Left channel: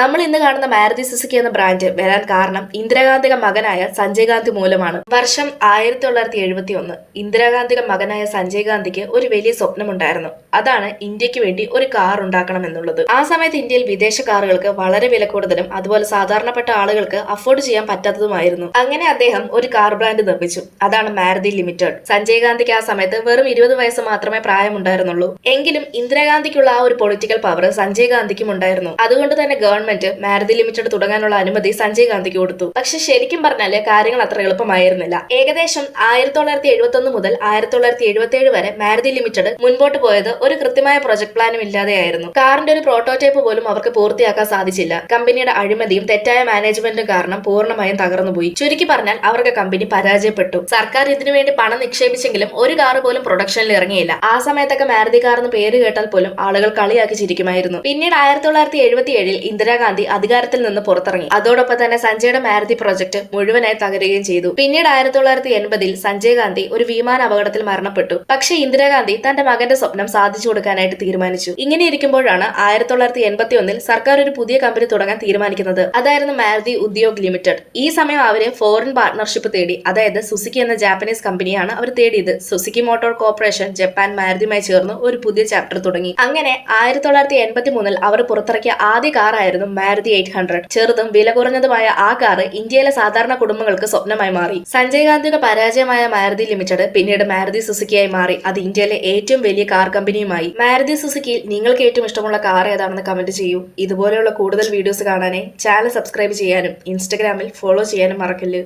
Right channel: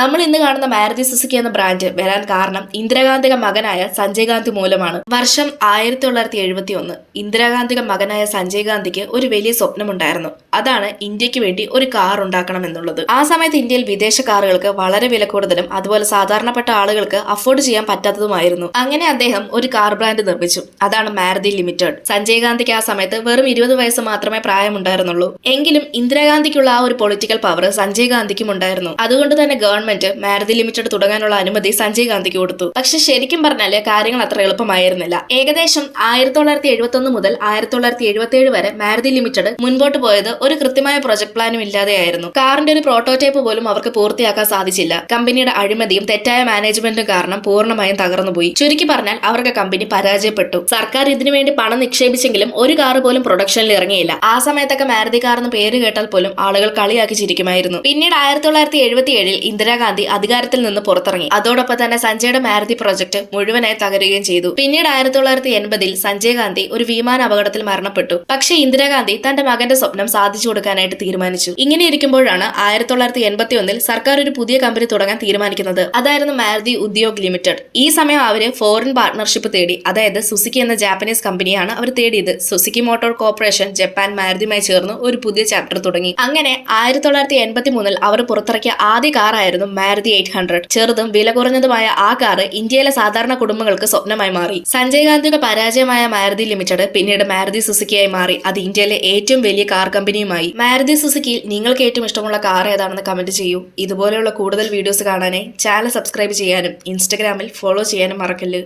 നമ്മൾ ഇന്ന് കാണുന്ന മാരുതി സുസുക്കി എന്ന ബ്രാൻഡ് വരാൻ കാരണം ഇന്ദിരാഗാന്ധിയുടെ മകനായ സഞ്ജയ് ഗാന്ധി മൂലമാണ്. വർഷം 1971. ഇന്ദിരാഗാന്ധിയുടെ മകനായ സഞ്ജയ് ഗാന്ധിക്ക് ഒരു വലിയ സ്വപ്നമുണ്ടായിരുന്നു. അതാണ് ഇന്ത്യക്ക് വേണ്ടി ഒരു കാർ ഉണ്ടാക്കണം എന്നുള്ളത്. ആ സമയത്ത് ഇന്ത്യയിൽ വിദേശ കാറുകൾക്ക് വളരെ വില കൂടുതലും അതുപോലെ സാധാരണപ്പെട്ട ആളുകൾക്ക് അഫോർഡ് ചെയ്യാൻ പറ്റാത്തതുമായിരുന്നു. അങ്ങനെ അദ്ദേഹം ഒരു കാർ ബ്രാൻഡ് നിർമ്മിച്ചു. അതാണ് മാരുതി ലിമിറ്റഡ്. സഞ്ജയ് ഗാന്ധിക്ക് ആ സമയത്ത് വെറും 20 വയസ്സ് മാത്രമേ പ്രായമുണ്ടായിരുന്നുള്ളൂ. എങ്കിലും ഇന്ദിരാഗാന്ധിക്കുള്ള ആ ഒരു പൊളിറ്റിക്കൽ പവർ സഞ്ജയ് ഗാന്ധിക്കും ഉണ്ടായിരുന്നു. അതുകൊണ്ട് തന്നെ ഗവൺമെന്റ് മാരുതി ലിമിറ്റഡ് തുടങ്ങാനുള്ള അനുമതി സഞ്ജയ് ഗാന്ധിക്ക് കൊടുത്തു. പക്ഷെ ശരിക്കും പറഞ്ഞാല് കാര്യങ്ങൾ അത്ര എളുപ്പമായിരുന്നില്ല. ഏകദേശം 1971 മുതൽ 1977 വരെ മാരുതി ലിമിറ്റഡ് മുൻപോട്ട് പോയത് ഒരു കൃത്യമായ പ്രൊജക്ട് പ്ലാനും ഇല്ലാതെയായിരുന്നു. കാറിന്റെ ഒരു പ്രോട്ടോടൈപ്പ് പോലും അവർക്ക് പൂർത്തിയാക്കാൻ സാധിച്ചില്ല. കമ്പനിയുടെ അഴിമതിയും തെറ്റായ മാനേജ്മെന്റും കാരണം പൂർണ്ണമായും തകർന്നുപോയി. ചുരുക്കി പറഞ്ഞാൽ അവർക്ക് കമ്പനി പരാജയപ്പെട്ടു. സർക്കാർ ഇതിനുവേണ്ടി പണം നിക്ഷേപിച്ചെങ്കിലും ഒരു കാർ പോലും പ്രൊഡക്ഷനിൽ ഇറങ്ങിയില്ല. ആ സമയത്തൊക്കെ മാരുതി കാർ എന്ന് പേര് കേട്ടാൽ പോലും ആളുകൾ കളിയാക്കി ചിരിക്കുമായിരുന്നു. പിന്നീട് 1977 ഇന്ദിരാഗാന്ധി അധികാരത്തിൽ നിന്ന് പുറത്തിറങ്ങി. അതോടൊപ്പം തന്നെ സഞ്ജയുടെ മാരുതി പ്രൊജക്ട് മുഴുവനായി തകരുകയും ചെയ്തു. പിന്നീട് 1980 സഞ്ജയ് ഗാന്ധി ഒരു വിമാന അപകടത്തിൽ മരണപ്പെട്ടു. പക്ഷേ ഇന്ദിരാഗാന്ധി തന്റെ മകന്റെ സ്വപ്നം സാധിച്ചു കൊടുക്കാനായിട്ട് തീരുമാനിച്ചു. ഇങ്ങനെ ഇരിക്കുമ്പോഴാണ് 1981 സർക്കാർ ഒരു പുതിയ കമ്പനി തുടങ്ങാൻ തീരുമാനിക്കുന്നത്. അതായിരുന്നു മാരുതി ഉദ്യോഗ് ലിമിറ്റഡ്. ഈ സമയം അവര് ഫോറിൻ പാർട്ട്ണർഷിപ്പ് തേടി. അതായത് സുസുക്കി എന്ന ജാപ്പനീസ് കമ്പനിയാണ് അവർ തേടിയത്. സുസുക്കി മോട്ടോർ കോർപ്പറേഷൻ ജപ്പാൻ മാരുതിയുമായി ചേർന്ന് ഒരു പുതിയ ചാപ്റ്റർ തുടങ്ങി. അങ്ങനെ 1983 അവർ പുറത്തിറക്കിയ ആദ്യ കാറായിരുന്നു മാരുതി 800. ചെറുതും വില കുറഞ്ഞതുമായ ആ കാർ ഇന്ത്യയിലെ സാധാരണ കുടുംബങ്ങൾക്ക് സ്വപ്നമായി മാറി. സഞ്ജയ് ഗാന്ധിയുടെ പരാജയമായ മാരുതി ലിമിറ്റഡ് പിന്നീട് മാരുതി സുസുക്കിയായി മാറി. അത് ഇന്ത്യയിലെ ഏറ്റവും വലിയ കാർ കമ്പനിയുമായി. മാരുതി സുസുക്കിയിൽ നിങ്ങൾക്ക് ഏറ്റവും ഇഷ്ടമുള്ള കാർ ഏതാണെന്ന് കമന്റ് ചെയ്യൂ. ഇതുപോലെയുള്ള കൂടുതൽ വീഡിയോസ് കാണാനായി ചാനൽ സബ്സ്ക്രൈബ് ചെയ്യാനും ഇൻസ്റ്റഗ്രാമിൽ ഫോളോ ചെയ്യാനും മറക്കല്ല്.